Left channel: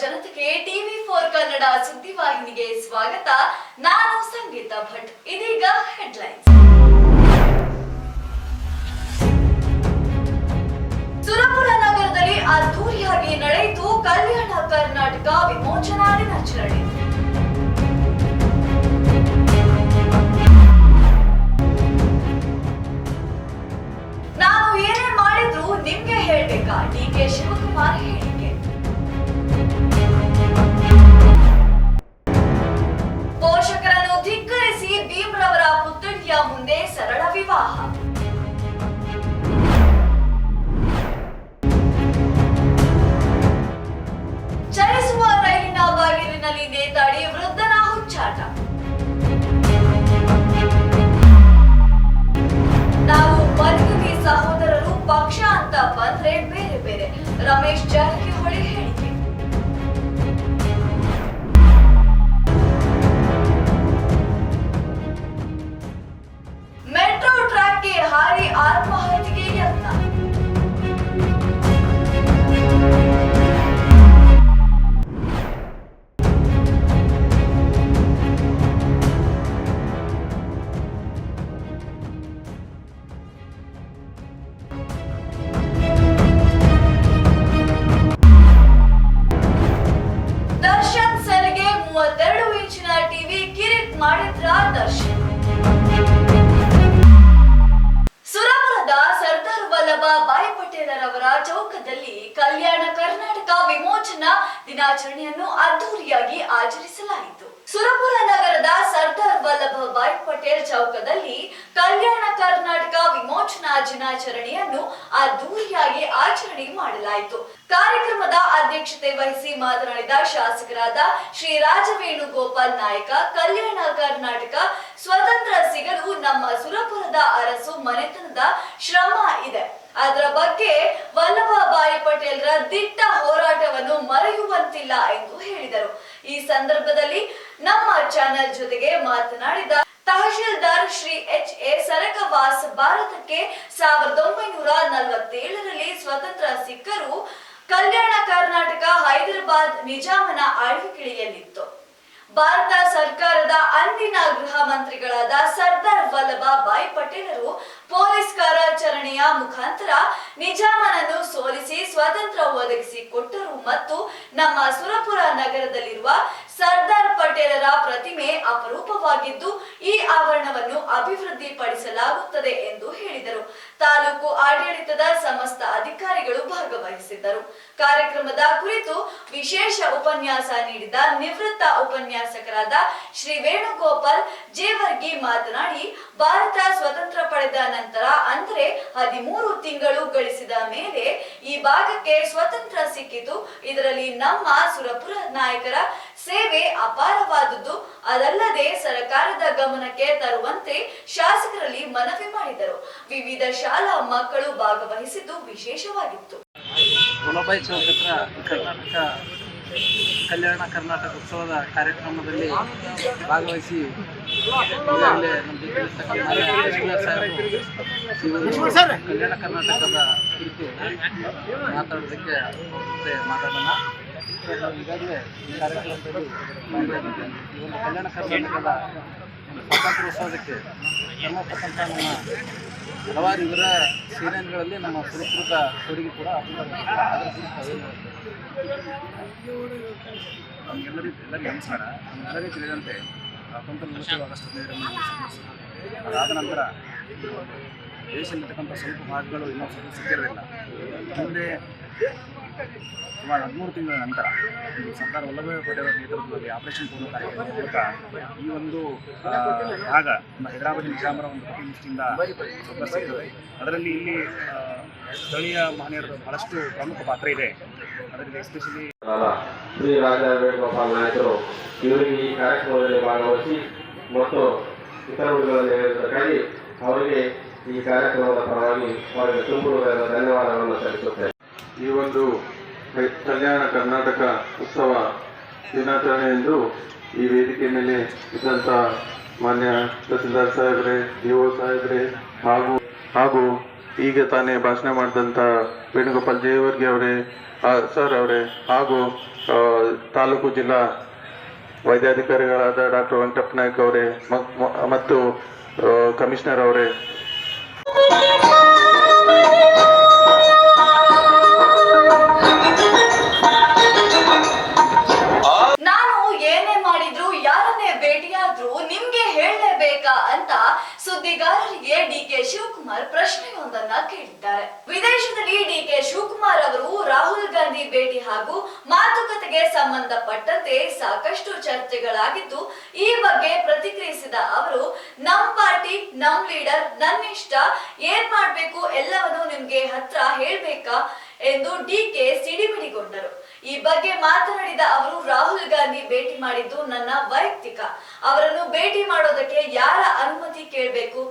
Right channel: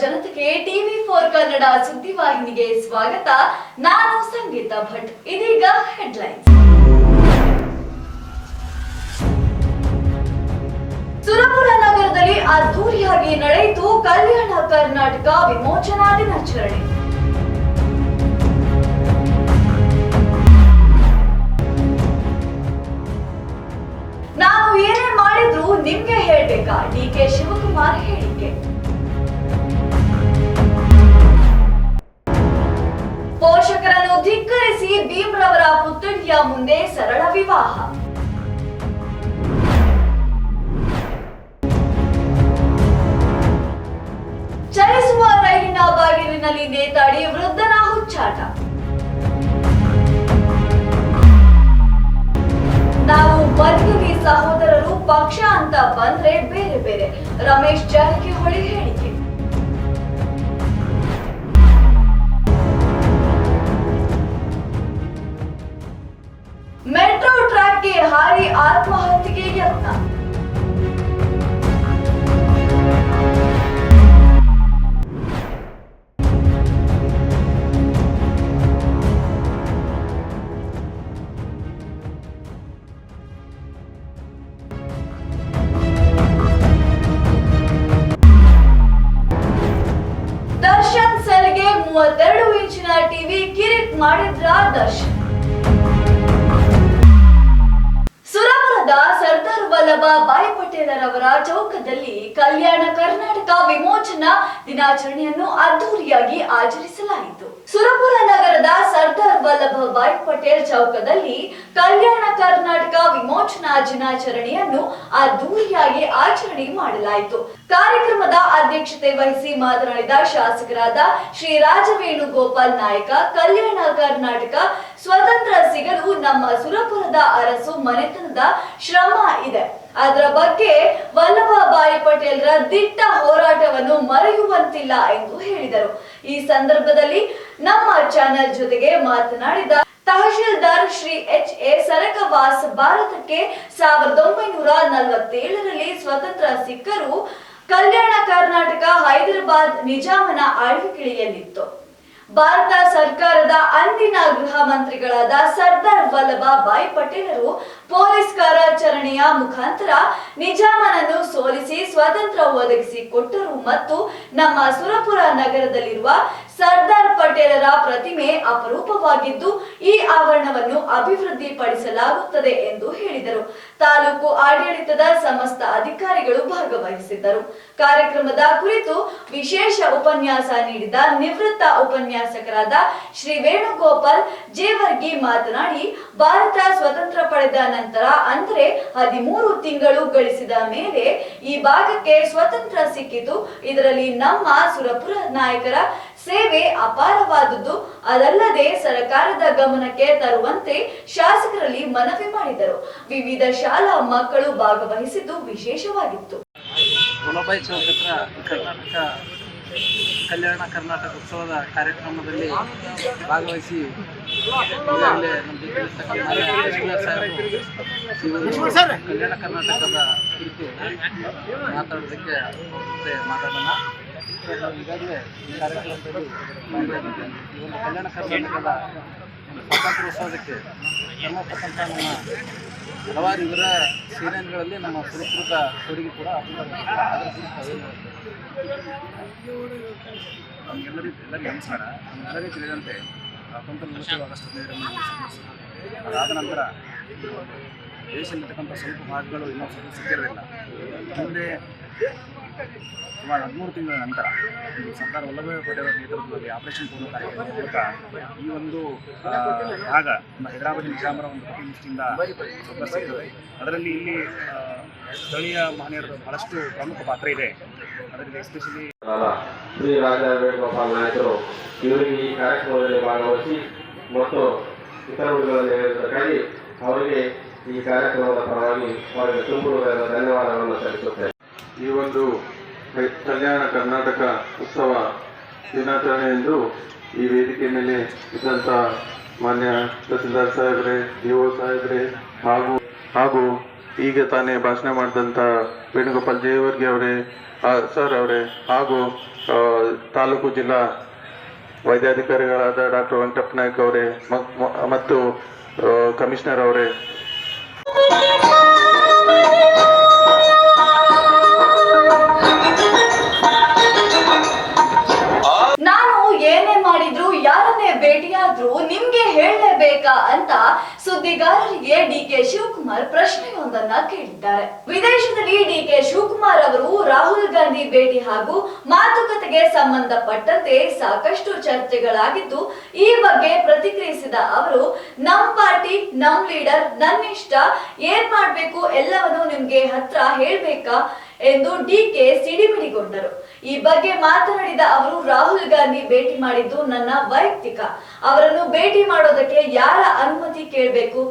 ಜನತೆಗೆ TV four Kannada ಸುದ್ದಿವಾಹಿನಿಗೆ ಸ್ವಾಗತ. ನಾನು ಸಂಗೀತ ಭಟ್. ಇದೀಗ ಹೆಡ್ಲೈನ್ಸ್ ಸುರಪುರ ನಗರದಲ್ಲಿ ಅದ್ದೂರಿಯಾಗಿ ನಡೆಯಿತು ಕಲ್ಯಾಣ ಕರ್ನಾಟಕ ವಿಮೋಚನಾ ದಿನಾಚರಣೆ. ನಾನು ಏನೇ ಮಾಡಿದ್ರು ನಿಮ್ಗೆ ಹೇಳ್ಬೇಕಾ? ಡಿ ಕೆ ಶಿವಕುಮಾರ್ ಪುತ್ಥಳಿಯ ಮುಂದೆ ಸರಳ ವಿವಾಹ? ಚಲಿಸುವ ರೈಲಿನ ಬಾಗಿಲಿನಲ್ಲಿ ನೇತಾಡಿ ವೃದ್ಧನ ಹುಚ್ಚಾಟ. ನಾವು ಬಂಧುವಿ ಸಹೋದರರು ಪಕ್ಷ ಅಂತ ಬಂದ್ರೆ ಬೇರೆ ಬೇರೆ. ರಮೇಶ್ ಜಾರಕಿಹೊಳಿ ಅದ್ದೂರಿಯಾಗಿ ಆಚರಿಸಲಾಯಿತು. ಸುರಪುರ ನಗರದ ಸರ್ದಾರ್ ವಲ್ಲಭಭಾಯ್ ಪಟೇಲ್ ಚೌಕದಲ್ಲಿ ಕಲ್ಯಾಣ ಕರ್ನಾಟಕ ವಿಮೋಚನಾ ದಿನಾಚರಣೆಯನ್ನು ಅದ್ದೂರಿಯಾಗಿ ಆಚರಣೆ ಮಾಡಲಾಯಿತು. ಕಾರ್ಯಕ್ರಮದ ಅಧ್ಯಕ್ಷತೆ ವಹಿಸಿ ಮಾತನಾಡಿದ ಶಾಸಕರಾದ ಶ್ರೀ ರಾಜವೇಣುಗೋಪಾಲ್ ನಾಯಕ, ಕಲ್ಯಾಣ ಕರ್ನಾಟಕ ಸ್ವತಂತ್ರ ಸಿಗಲು ನಮ್ಮ ಸುರಪುರದ ಅರಸು ಮನೆತನದ ಶ್ರಮ ಇದೆ. ಅದರ ಬಗ್ಗೆ ವಲ್ಲಭಭಾಯಿ ಪಟೇಲ್ರ ದಿಟ್ಟ ಹೋರಾಟವನ್ನು ಮರೆಯುವಂತಿಲ್ಲ ಎಂದು ಹೇಳಿದರು. ಈ ಸಂದರ್ಭದಲ್ಲಿ ನಮ್ಮ ಚಾನೆಲ್ ಜೊತೆಗೆ ಮಾತನಾಡಿದ ತಹಶೀಲ್ದಾರ್ ಶ್ರೀ ಎಚ್ ಎ ಸರಕವಾಸ್ ಭಾರತಕ್ಕೆ ಸಾವಿರದ ಒಂಬೈನೂರ ನಲವತ್ತೇಳರಲ್ಲಿ ಸ್ವತಂತ್ರ ಸಿಕ್ಕರು ಕಲ್ಯಾಣ ಕರ್ನಾಟಕ ಹೈದರಾಬಾದ್ ನಿಜಾಮನ ಆಳ್ವಿಕೆಯಲ್ಲಿತ್ತು. ಭಾರತ ಗೃಹ ಮಂತ್ರಿಗಳಾದ ಸರ್ದಾರ್ ವಲ್ಲಭಾಯ್ ಪಟೇಲರು ಪೊಲೀಸ್ ಕಾರ್ಯಾಚರಣೆಯ ಮುಖಾಂತರ ನಿಜಾಮನನ್ನು ಸೋಲಿಸಿ ಸ್ವಾತಂತ್ರ್ಯ ಒದಗಿಸಿ ಕೊಟ್ಟರು ಮತ್ತು ನಮ್ಮ ಸುರಪುರ ನಗರದಲ್ಲಿರುವ ಸರ್ದಾರ್ ಪಟೇಲರ ಪ್ರತಿಮೆ ಅಪರೂಪವಾಗಿದ್ದು, ಈ ಆವರಣವನ್ನು ಅಭಿವೃದ್ಧಿಪಡಿಸಲಾಗುತ್ತದೆ ಎಂದು ಹೇಳಿದರು. ತಾಲೂಕು ಆಡಳಿತದ ಸಮಸ್ತ ಅಧಿಕಾರಿಗಳು ಭಾಗವಹಿಸಿದ್ದರು. ಕಾರ್ಯಕ್ರಮದ ಕುರಿತು ವಿಶೇಷ ಉಪನ್ಯಾಸ ನೀಡಿದ ನಿವೃತ್ತ ಉಪನ್ಯಾಸಕರಾದ ಶ್ರೀ ವೇಣುಗೋಪಾಲ್ ಜೇವರ್ಗಿ ಮಾತನಾಡಿ, ಭಾರತ ಸ್ವತಂತ್ರ ಪಡೆದ ನಂತರ ಅಂದರೆ ಹದಿಮೂರು ತಿಂಗಳು ಗಳಿಸಿದ ಮೇಲೆ ಈ ಭಾಗಕ್ಕೆ ಸ್ವತಂತ್ರ ಸಿಕ್ಕಿತು. ಇದರಲ್ಲಿ ನಮ್ಮ ಸುರಪುರ ನಾಯಕರ ಸೇವೆ ಅಪಾರವಾದುದು ಅದಲ್ಲದೆ ಸರ್ಕಾರದ ಗಮನಕ್ಕೆ ತರುವಂತೆ ಶಾಸಕರಲ್ಲಿ ಮನವಿ ಮಾಡಿದರು. ವಿವಿಧ ಶಾಲಾ ಮಕ್ಕಳು ಭಾಗವಹಿಸಿದ್ದು ವಿಶೇಷವಾಗಿತ್ತು. ಕರ್ನಾಟಕ ಕಲ್ಯಾಣ ಕರ್ನಾಟಕ ಉತ್ಸವದ ಕಾರ್ಯಕ್ರಮದಲ್ಲಿ ಭಾಗವಹಿಸಿ ಕಲ್ಯಾಣ ಕರ್ನಾಟಕದ ಕುರಿತು ಮಾತಾಡೋದಕ್ಕೆ ಮಾತಾಡೋಣ. ನಾವು ಈಗಾಗಲೇ ಈ ಕಾರ್ಯಕ್ರಮದಲ್ಲಿ. ಈ ಒಂದು ಕಲ್ಯಾಣ ಕರ್ನಾಟಕದ ಸ್ವಾತಂತ್ರ್ಯೋತ್ಸವಕ್ಕೆ ನಮ್ಮ ಹಲವಾರು ಇವರ ಸೇನೆಗಳಲ್ಲಿ ನಮ್ಮ ಸುರಪುರದ ಕೊಡುಗೆ ಕೂಡ ನಮಗೆಲ್ಲರಿಗೂ ಎಲ್ಲರಿಗೂ ನಮಸ್ಕಾರ ನಮಗೆಲ್ಲರಿಗೂ ತಿಳಿದಂತೆ ಹತ್ತೊಂಬತ್ತು ನಲವತ್ತೇಳು ಆಗಸ್ಟ್. ಅದಾದ ನಂತರ ದೇಶದಲ್ಲಿರ್ತಕ್ಕಂಥ ಸ್ವಲ್ಪ ಭಾಗಗಳು ಇನ್ನೂ ಸ್ವಲ್ಪ ಸಿಕ್ಕಿರಲಿಲ್ಲ ಮುಂದೆ ಸುಮಾರು ಹದಿಮೂರು ತಿಂಗಳ ನಂತರ ಸರ್ದಾರ್ ವಲ್ಲಭಭಾಯಿ ಪಟೇಲ್ ನೇತೃತ್ವದಲ್ಲಿ ಆಪರೇಷನ್ ಪೂರ್ಣ ಕಾರ್ಯಕ್ರಮದ ಮೂಲಕ ಈ ಒಂದು ಭಾಗ ನಮ್ಮ ಹೈದರಾಬಾದ್ ನಿಜಾಮರ ಒಂದು ಸ್ವಲ್ಪ ಸಿಗ್ತದೆ ಅದರಲ್ಲಿ ಇಲ್ಲಿ ಸ್ಥಳೀಯ ಮಹನೀಯರ ಬಹಳಷ್ಟು ಪ್ರಮುಖ ಪಾತ್ರ ಇದೆ. ಅದರಲ್ಲಿ ಎಸ್ಪೆಷಲಿ ಶ್ರೀ ರಾಜ ವೇಣುಗೋಪಾಲ್ ನಾಯಕರು ಇವರಿಗೆ ಈ ಕಾರ್ಯಕ್ರಮದಲ್ಲಿ ಭಾಗವಹಿಸಿ ಮತ್ತು ಹೇಳಿದ್ದಕ್ಕಾಗಿ ಅವರಿಗೆ ಈ ಕಾರ್ಯಕ್ರಮದ ಪರವಾಗಿ ಅವರಿಗೆ ತುಂಬ ಧನ್ಯವಾದಗಳನ್ನು ಸಲ್ಲಿಸುತ್ತೇನೆ. ಈ ಒಂದು ಕಲ್ಯಾಣ ಕರ್ನಾಟಕ ಉತ್ಸವ ದಿನಾಚರಣೆ ಎಂದು ಈ ವೇದಿಕೆ ಮೇಲೆ ಇದ್ದಂಥ ಮಾನ್ಯ ತಹಸೀಲ್ದಾರ್ ಸಾಹೇಬ್ರೆ, ಡಿ ಒ ಸಾಹೇಬ್ರೆ ಹಾಗೂ ಹಾಗೂ ಈಗ ತಾನೇ ಭಾಷಣ ಮಾಡಿದಂಥ ವೇಣುಗೋಪಾಲ್ ಜಯವರ್ಗಿ ಅವರೇ ಸರ್ ಅವರೇ ಹಾಗೂ ತಾಲೂಕು ಜಿಲ್ಲಾ ವೈದ್ಯಾಧಿಕಾರಿಗಳಾದ ಡಾಕ್ಟರ್ ವೆಂಕಟಪ್ಪ ನಾಯ್ಕ ಅವರೇ ಮತ್ತು ಕಮಿಷನರ್ ಅವರೇ ಭೇಟಿಯಾದ್ರೂ ನಿಮ್ಗೆ ಹೇಳಲೇಬೇಕಾ ಅಂತ ಸುದ್ದಿಗಾರರಿಗೆ ಡಿ ಕೆ ಶಿವಕುಮಾರ್ ಪ್ರಶ್ನೆಯೊಂದನ್ನ ಕೇಳಿದ್ದಾರೆ. ವಿದೇಶದಲ್ಲಿ ಡಿ ಕೆ ಶಿವಕುಮಾರ್ ಅವರು ರಾಹುಲ್ ಗಾಂಧಿ ಭೇಟಿ ಹಾಗೂ ಮಾತುಕತೆಗೆ ಸಂಬಂಧಪಟ್ಟಂತೆ ಸಾಕಷ್ಟು ಚರ್ಚೆಗಳಾಗಿದ್ದು, ಈ ಬಗ್ಗೆ ಪ್ರತಿಕ್ರಿಯಿಸಿದ ಅವರು, ನಮ್ ಪಾರ್ಟಿ, ನಮ್ ಲೀಡರ್ ನನ್ನ ಇಷ್ಟ ಏನ್ ಮಾಡ್ಬೇಕು ಎಲ್ಲವನ್ನು ನಿಮ್ಗೆ ಹತ್ರ ಹೇಳ್ಬೇಕಾ? ಎಂದು ಡಿಕೆ ಸಿಡಿಮಿಡಿಗೊಂಡರು ಈ ಬಗ್ಗೆ ಮಾತನಾಡಿದ ಅವರು, ರಾಹುಲ್ ಗಾಂಧಿ ಭೇಟಿ ಮಾಡಿದ್ದು ನನ್ನ ವೈಯಕ್ತಿಕ. ಅವರನ್ನು ಭೇಟಿ ಮಾಡೋದಕ್ಕೆ ಯಾರ ಅನುಮತಿ ಕೇಳಬೇಕು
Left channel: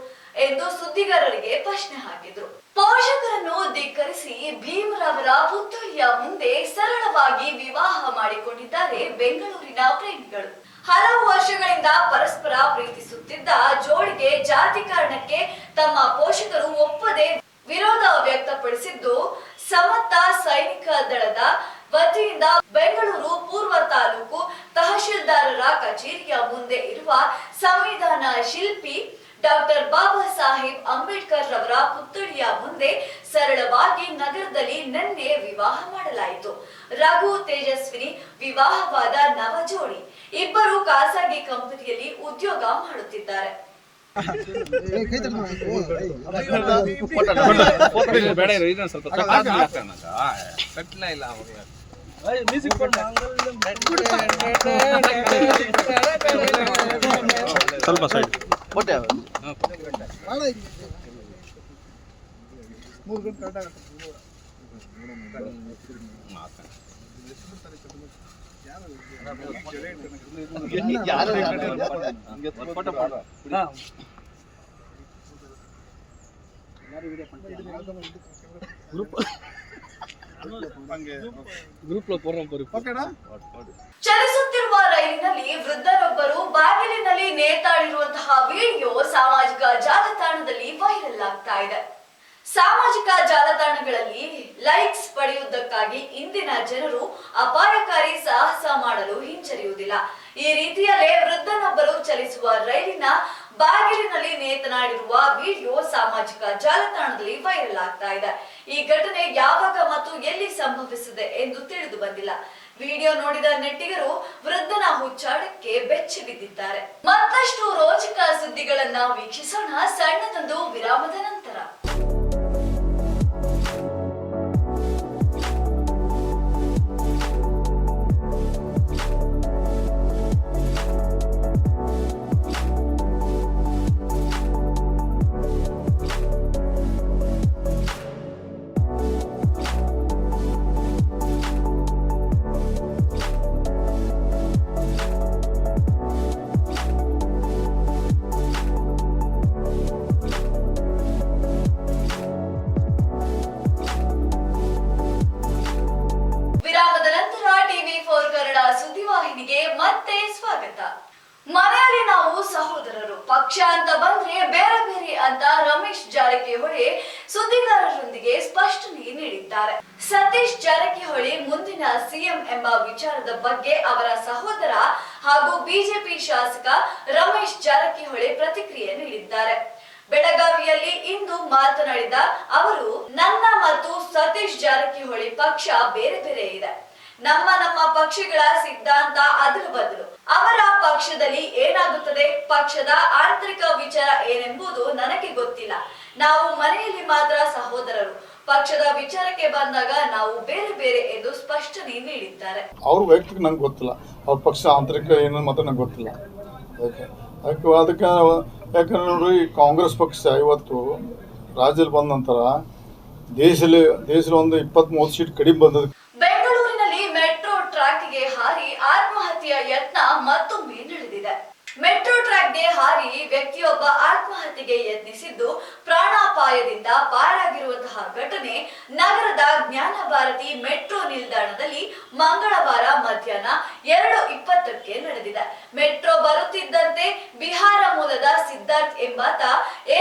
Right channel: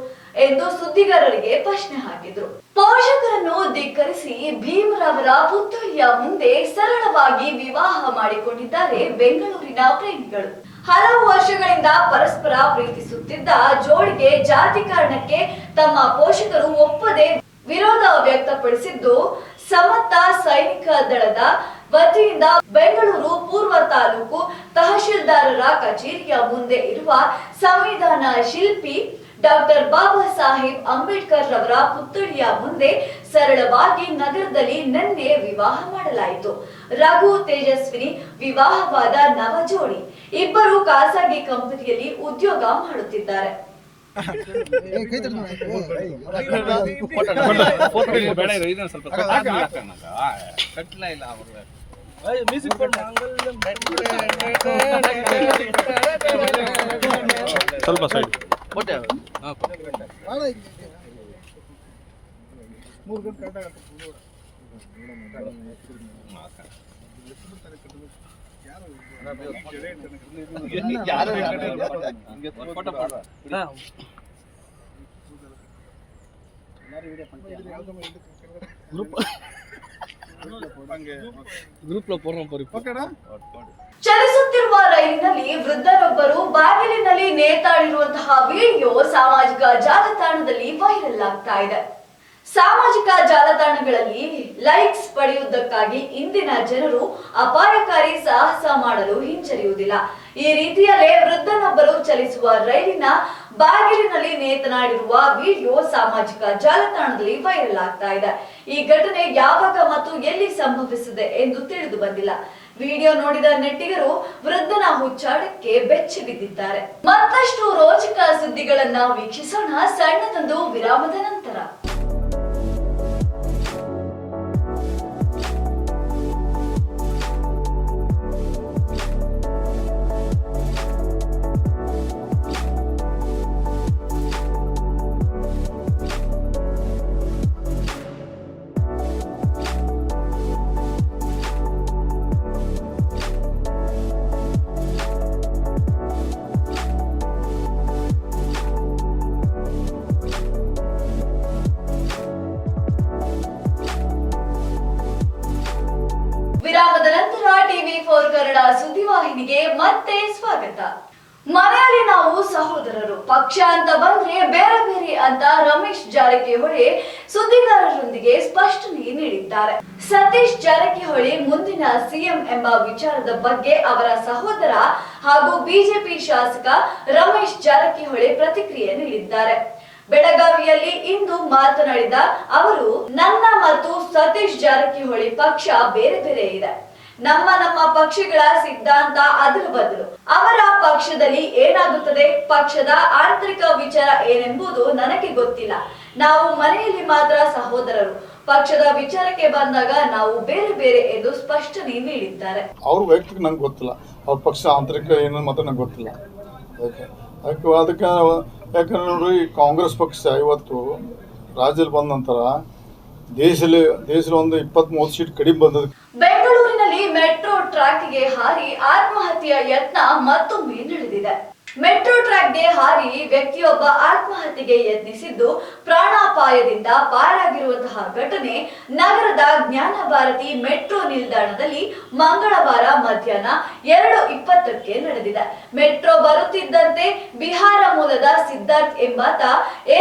ಎಂದು ಸುದ್ದಿಗಾರರಿಗೆ ಪ್ರಶ್ನೆ ಹಾಕಿದ್ರು. ಪೋಷಕರನ್ನು ಧಿಕ್ಕರಿಸಿ ಭೀಮರವರ ಪುತ್ತೂರಿಯ ಮುಂದೆ ಸರಳವಾಗಿ ವಿವಾಹ ಮಾಡಿಕೊಂಡಿದ್ದಾರೆ ಬೆಂಗಳೂರಿನ ಪ್ರೇಮಿಗಳು. ಹಲವು ವರ್ಷಗಳಿಂದ ಪರಸ್ಪರ ಪ್ರೀತಿಸುತ್ತಿದ್ದ ಜೋಡಿಗೆ ಜಾತಿ ಕಾರಣಕ್ಕೆ ತಮ್ಮ ಪೋಷಕರು ಒಪ್ಪದೆ ವಿರೋಧ ವ್ಯಕ್ತಪಡಿಸಿದ್ದು, ಸಮತ ಸೈನಿಕ ದಳದ ವತಿಯಿಂದ ಬೆಂಗಳೂರು ಪೂರ್ವ ತಾಲೂಕು ತಹಶೀಲ್ದಾರರ ಕಚೇರಿಯ ಮುಂದೆ ಇರುವ ಸಂವಿಧಾನ ಶಿಲ್ಪಿ ಡಾಕ್ಟರ್ ಬಾಬಾ ಸಾಹೇಬ್ ಅಂಬೇಡ್ಕರ್ ರವರ ಪುತ್ಥಳಿಯ ಮುಂದೆ ಸರಳವಾಗಿ ನಗರದಲ್ಲಿ ನಿನ್ನೆ ವಿವಾಹ ಮಾಡಲಾಯಿತು. ರಘು ತೇಜಸ್ವಿನಿ ವಿವಾಹವಾದ ನವ ಜೋಡಿ ಇಬ್ಬರು ಖಾಸಗಿ ಕಂಪನಿಯಲ್ಲಿ ಉದ್ಯೋಗ ಮಾಡುತ್ತಿದ್ದಾರೆ. ಸ್ವಲ್ಪ ಸೈಡ್ ಮೂರು ಗಂಟೆ ಕರೆಕ್ಟ್ ಆಗುತ್ತೆ ಮಾತಾಡ ಚಲಿಸುತ್ತಿರುವ ರೈಲಿನಲ್ಲಿ ವೃದ್ಧರೊಬ್ಬರು ಬಾಗಿಲಿನಲ್ಲಿ ನೇತಾಡಿರುವಂತಹ ವಿಡಿಯೋ ಸಾಮಾಜಿಕ ಜಾಲತಾಣದಲ್ಲಿ ವೈರಲ್ ಆಗ್ತಾ ಇದೆ. ಸಾಮಾಜಿಕ ಜಾಲತಾಣಗಳಲ್ಲಿ ಲೈಕ್ಸ್ ಪಡೆಯುವುದಕ್ಕಾಗಿ ಇಂದಿನ ಜನರು ಅಪಾಯಕಾರಿ ಸಾಹಸ ಮಾಡಲು ಹಿಂಜರಿಯುವುದಿಲ್ಲ. ಈ ರೀತಿಯಲ್ಲೇ ವೃದ್ಧನೊಬ್ಬರು ಚಲಿಸುವ ರೈಲಿನ ಬಾಗಿಲಿನಲ್ಲಿ ನೇತನಾಡಿರುವ ವಿಡಿಯೋ ಸಾಮಾಜಿಕ ಜಾಲತಾಣದಲ್ಲಿ ವೈರಲ್ ಆಗ್ತಾ ಇದೆ. ಈ ಘಟನೆ ಯಾವಾಗ ಮತ್ತು ಎಲ್ಲಿ ಸಂಭವಿಸಿದೆ ಎಂದು ತಿಳಿದು ಬಂದಿಲ್ಲ. ವಿಡಿಯೋ ನೋಡಿದ ನೆಟ್ಟಿಗರು ವೃದ್ಧನ ಹುಚ್ಚಾಟಕ್ಕೆ ಬೆಚ್ಚಿ ಬಿದ್ದಿದ್ದಾರೆ. ಮತ್ತಷ್ಟು ರೋಚಕ ಸುದ್ದಿಗಳನ್ನ ವೀಕ್ಷಿಸೋಣ ಸಣ್ಣದೊಂದು ವಿರಾಮದ ನಂತರ. ಸುದ್ದಿವಾಹಿನಿಗೆ ಮತ್ತೆ ಸ್ವಾಗತ. ಮನೆಯಲ್ಲಿ ನಾವು ಸಹೋದರರು, ಪಕ್ಷ ಅಂತ ಬಂದ್ರೆ ಬೇರೆ ಬೇರೆ ಅಂತ ರಮೇಶ್ ಜಾರಕಿಹೊಳಿ ಸುದ್ದಿಗಾರರೊಂದಿಗೆ ಸ್ಪಷ್ಟನೆ ನೀಡಿದ್ದಾರೆ. ಸತೀಶ್ ಜಾರಕಿಹೊಳಿ ಮುಂದಿನ ಸಿಎಂ ಎಂಬ ವಿಚಾರದ ಬಗ್ಗೆ ಅವರ ಸಹೋದರ ಹಾಗೂ ಬಿಜೆಪಿ ಶಾಸಕ ರಮೇಶ್ ಜಾರಕಿಹೊಳಿ ಪ್ರತಿಕ್ರಿಯೆ ನೀಡಿದ್ದಾರೆ. ಬೆಳಗಾವಿಯಲ್ಲಿ ಇಂದು ಮಾತನಾಡಿದ ಅವರು, ನನ್ನ ಮತ್ತು ಸತೀಶ್ ಜಾರಕಿಹೊಳಿ ಪಕ್ಷ ಬೇರೆ ಬೇರೆ ಇದೆ. ನಮ್ಮ ನಮ್ಮ ಪಕ್ಷಗಳ ಸಿದ್ಧಾಂತ ಅದಲು ಬದಲು ಅವರ ಪಕ್ಷದಲ್ಲಿ ಏನಾಗುತ್ತದೆ? ಪಕ್ಷದ ಆಂತರಿಕ ವಿಚಾರ ಏನೆಂಬುದು ನನಗೆ ಗೊತ್ತಿಲ್ಲ. ನಾವು ಮನೆಯಲ್ಲಿ ಮಾತ್ರ ಸಹೋದರರು. ಪಕ್ಷದ ವಿಚಾರಕ್ಕೆ ಬಂದಾಗ ನಾವು ಬೇರೆ ಬೇರೆ ಎಂದು ಸ್ಪಷ್ಟನೆ ನೀಡಿದ್ದಾರೆ. ಅವ್ರ ವೈಯಕ್ತಿಕ ನಂಗೆ ಗೊತ್ತಿಲ್ಲ. ಅವ್ರ ಪಕ್ಷ ಆಂತರಿಕ ಏನು ಮಾತ್ರ ನಂಗೆ ಗೊತ್ತಿಲ್ಲ. ಅದಕ್ಕೆ ಅದಕ್ಕೆ ಯಾಕಂದ್ರೆ ನೋಡ್ರಿ ಕಾಂಗ್ರೆಸ್ ಪಕ್ಷ ಇವತ್ತು ರಾಜ್ಯದಲ್ಲಿ ಬಂದ ನಂತರ ದೇಶದಲ್ಲಿ ದೇಶದಲ್ಲಿ ಒಂದು ಇಪ್ಪತ್ತ್ ಮೂವತ್ತು ಸೀಟ್ ಕಡಿಮೆ ಬಂದದ ಬೆಂಗಳೂರಿನಲ್ಲಿ ಮೆಟ್ರೋ ಟ್ರ್ಯಾಕ್ಗೆ ಹಾರಿ ಆತ್ಮಹತ್ಯೆಯ ಯತ್ನ ಮತ್ತೊಮ್ಮೆ ನಡೆದಿದೆ ಮೆಟ್ರೋ ಟ್ರ್ಯಾಕ್ಗೆ ಹಾರಿ ವ್ಯಕ್ತಿಯೊಬ್ಬ ಆತ್ಮಹತ್ಯೆಗೆ ಯತ್ನಿಸಿದ್ದು ಪ್ರಾಣಾಪಾಯದಿಂದ ಪಾರಾಗಿರುವಂತಹ ಘಟನೆ ನಗರದ ಜ್ಞಾನ ಭಾರತಿ ಮೆಟ್ರೋ ನಿಲ್ದಾಣದಲ್ಲಿ ಮಂಗಳವಾರ ಮಧ್ಯಾಹ್ನ ಎರಡು ಇಪ್ಪತ್ತಕ್ಕೆ ನಡೆದಿದೆ. ಮೆಟ್ರೋ ಬರುತ್ತಿದ್ದಂತೆ ಬಿಹಾರ ಮೂಲದ ಸಿದ್ಧಾರ್ಥ್ ಎಂಬಾತ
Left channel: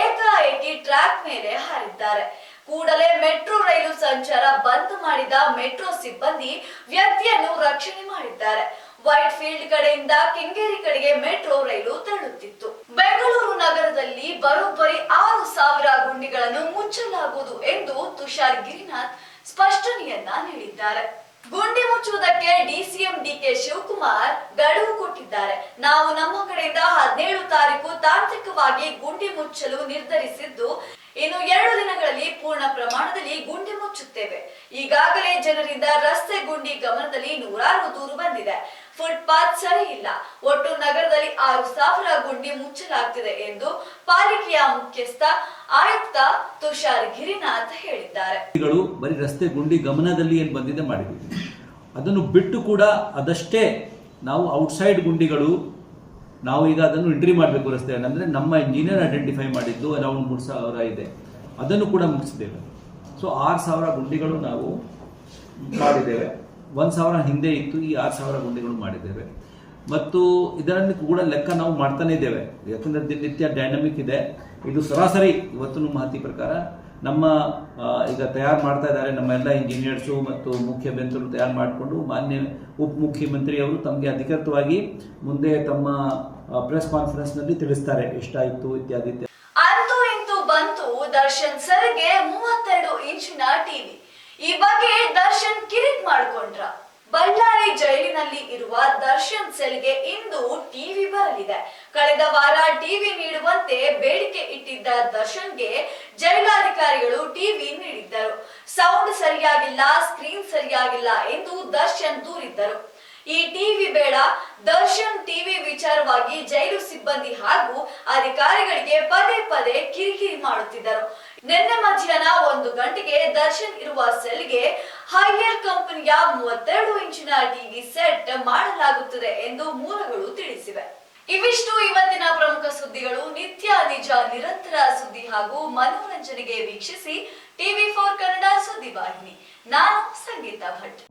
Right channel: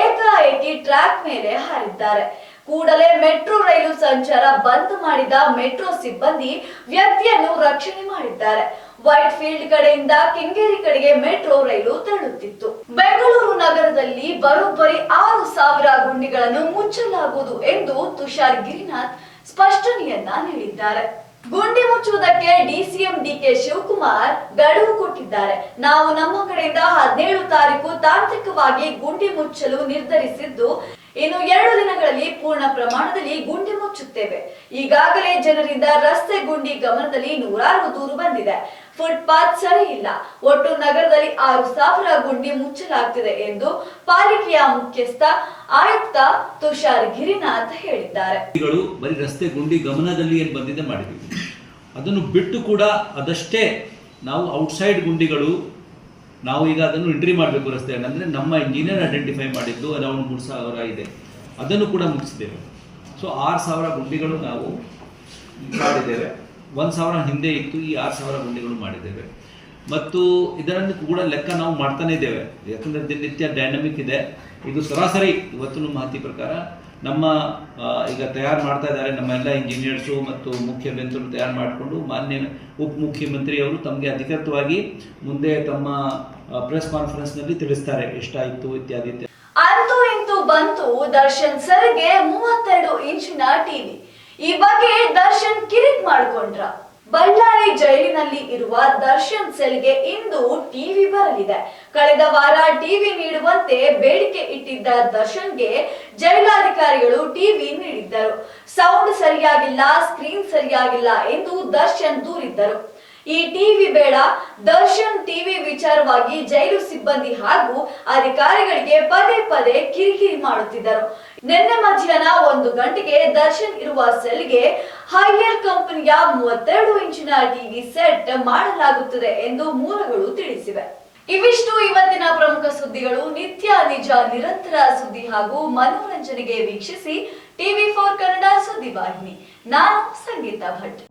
ಏಕಾಏಕಿ ಟ್ರ್ಯಾಕ್ ಮೇಲೆ ಹಾರಿದ್ದಾರೆ. ಕೂಡಲೇ ಮೆಟ್ರೋ ರೈಲು ಸಂಚಾರ ಬಂದ್ ಮಾಡಿದ ಮೆಟ್ರೋ ಸಿಬ್ಬಂದಿ ವ್ಯಕ್ತಿಯನ್ನು ರಕ್ಷಣೆ ಮಾಡಿದ್ದಾರೆ. ವೈಟ್ ಫೀಲ್ಡ್ ಕಡೆಯಿಂದ ಕೆಂಗೇರಿ ಕಡೆಗೆ ಮೆಟ್ರೋ ರೈಲು ತೆರಳುತ್ತಿತ್ತು. ಬೆಂಗಳೂರು ನಗರದಲ್ಲಿ ಬರೋಬ್ಬರಿ ಆರು ಸಾವಿರ ಗುಂಡಿಗಳನ್ನು ಮುಚ್ಚಲಾಗುವುದು ಎಂದು ತುಷಾರ್ ಗಿರಿನಾಥ್ ಸ್ಪಷ್ಟನೆಯನ್ನ ನೀಡಿದ್ದಾರೆ. ಗುಂಡಿ ಮುಚ್ಚುವುದಕ್ಕೆ ಡಿಸಿಎಂ ಡಿಕೆ ಶಿವಕುಮಾರ್ ಗಡುವು ಕೊಟ್ಟಿದ್ದಾರೆ. ನಾವು ನಮ್ಮ ಕಡೆಯಿಂದ ಹದಿನೇಳು ತಾರೀಕು ತಾಂತ್ರಿಕವಾಗಿ ಗುಂಡಿ ಮುಚ್ಚಲು ನಿರ್ಧರಿಸಿದ್ದು ಇನ್ನು ಎರಡು ದಿನಗಳಲ್ಲಿ ಪೂರ್ಣ ಪ್ರಮಾಣದಲ್ಲಿ ಗುಂಡಿ ಮುಚ್ಚುತ್ತೇವೆ. ಈಗಾಗಲೇ ಜನರಿಂದ ರಸ್ತೆ ಗುಂಡಿ ಗಮನದಲ್ಲಿ ನೂರಾರು ದೂರು ಬಂದಿದೆ. ಫುಟ್ಪಾತ್ ಸರಿ ಇಲ್ಲ. ಒಟ್ಟು ನಗರದಲ್ಲಿ ಆರು ಸಾವಿರ ಗುಂಡಿ ಮುಚ್ಚಲಾಗ್ತಿದೆ ಎಂದು ಪಾಲಿಕೆಯ ಮುಖ್ಯಸ್ಥ ಆಯುಕ್ತ ತುಷಾರ್ ಗಿರಿನಾಥ್ ಹೇಳಿದ್ದಾರೆ. ಬರೀ ರಸ್ತೆ ಗುಂಡಿ ಗಮನದಲ್ಲಿ ಏನು ಬಂದಿದೆ ಮಾಡಿದ್ವಿ ಅದನ್ನು ಬಿಟ್ಟು ಕೂಡ ಅದಷ್ಟೇ ನಾವು ಔಟ್ಸೈಡ್ ಗುಂಡಿಗಳು ನಾವು ಈಗ ಅದನ್ನು ಎಂಟ್ರಿ ಮಾಡಬೇಕು ರಸ್ತೆ ಅಂದರೆ ನಮ್ಮ ಇಂಜಿನಿಯರ್ ಐಡೆಂಟಿಫೈ ಮಾಡಿದ್ದು ಅರೌಂಡ್ ಮೂರು ಸಾವಿರ ಇದೆ. ಅದನ್ನು ಕೂಡ ಮುಗಿಸಿದ್ದೇವೆ. ಸೊ ಆರು ಸಾವಿರ ಗುಂಡಿಗಳು ನಾವು ಮಾಡಿದ್ದೇವೆ. ಒಂದು ಸಾವಿರ ಹಿಂದೆ ಇತ್ತು, ಈ ಆರು ಸಾವಿರ ಗುಂಡಿಗಳು ಮಾಡಿದ್ದೇವೆ. ಮತ್ತು ಇದರಲ್ಲಿ ಕೂಡ ಲೆಕ್ಕ ನಾವು ಮಾಡ್ತಾನೇ ಇದ್ದೇವೆ. ಯಾಕಂದರೆ ದಿನನಿತ್ಯ ಡೈನಮಿಕ್ ಇದೆ. ಇದು ಸರಾಸರಿ. ಇವತ್ತಿನ ಮಾಹಿತಿ ಪ್ರಕಾರ ನಮ್ಮ ಈಗ ತಯಾರು ಮಾಡ್ತಾ ಇದ್ದಾರೆ ನಮ್ಮ ಎಲ್ಲ ಇಂಜಿನಿಯರ್ಸು ಮತ್ತು ಮುಖ್ಯ ಬೆಂತರು ತಯಾರು ಮಾಡಿಕೊಂಡು ಮಾನ್ಯ ಉಪ ಮುಖ್ಯಮಂತ್ರಿಯವರು ತಮಗೆ ಅಧಿಕೃತವಾಗಿ ಮುಂದೆ ತಮ್ಮ ಪ್ರೆಸ್ ಕಾನ್ಫರೆನ್ಸ್ನಲ್ಲಿ ತಿಳಿಸ್ತಾರೆ ಎಷ್ಟಾಯಿತು ಇತ್ಯಾದಿ ಇತ್ಯಾದಿ. ಅಂತೂ ಇಂತೂ ಬಂತು ದರ್ಶನ್ ಸರ್ಗೆ ಮೂವತ್ತೆರಡು ಇಂಚಿನ ಟಿವಿ. ಈ ಬಗ್ಗೆ ದರ್ಶನ್ ಕಿರಿಕ್ ಮಾಡ್ಕೊಂಡ್ರ. ಬಳ್ಳಾರಿ ಜೈಲಿನಲ್ಲಿ ಇರುವ ದರ್ಶನ್ ಸೆಲ್ಗೆ ಇಂದು ಟಿವಿ ಬರಲಿದೆ. ಕಳೆದ ವಾರ ಟಿವಿ ನೀಡುವಂತೆ ಬೇಡಿಕೆ ಇಟ್ಟಿದ್ದ ದರ್ಶನ್ಗೆ ಜೈಲಾಧಿಕಾರಿಗಳು ಟಿವಿ ನೀಡಿದ್ದರು. ಸೌಂಡ್ ಸರಿಯಾಗಿಲ್ಲ, ಸ್ಕ್ರೀನ್ ಸರಿಯಾಗಿಲ್ಲ ಎಂದು ದರ್ಶನ್ ದೂರಿದ್ದರು. ಈ ಟಿವಿ ಬೇಡ, ದರ್ಶನ್ ಟಿವಿ ವಿಚಾರವಾಗಿ ಜೈಲು ಸಿಬ್ಬಂದಿ ಹಾಗೂ ಅಧಿಕಾರಿಗಳಿಗೆ ಪದೇ ಪದೇ ಕಿರಿಕಿರಿ ಮಾಡುತ್ತಿದ್ದರು. ನಿನ್ನೆ ಮಧ್ಯಾಹ್ನ ಒಂದು ಗಂಟೆಗೆ ದರ್ಶನ್ ಇರುವ ಸೆಲ್ಗೆ ಹೈಯರ್ ಕಂಪನಿಯ ಮೂವತ್ತೆರಡು ಇಂಚಿನ ಟಿವಿ ಸೆಟ್ ಮಾಡಲಾಗುತ್ತದೆ ಎಂದು ಮೂಲಗಳು ತಿಳಿಸಿವೆ. ಇವಿಷ್ಟು ಇವತ್ತಿನ ಪ್ರಮುಖ ಸುದ್ದಿಗಳು. ನಿತ್ಯ ನಿಜ, ನಿರಂತರ ಸುದ್ದಿ ಹಾಗೂ ಮನೋರಂಜನೆಗೆ ವೀಕ್ಷಿಸಿ ಟಿವಿ ಫೋರ್ ಕನ್ನಡ ಸುದ್ದಿವಾಹಿನಿ. ನಾನು ಸಂಗೀತ ಭಟ್.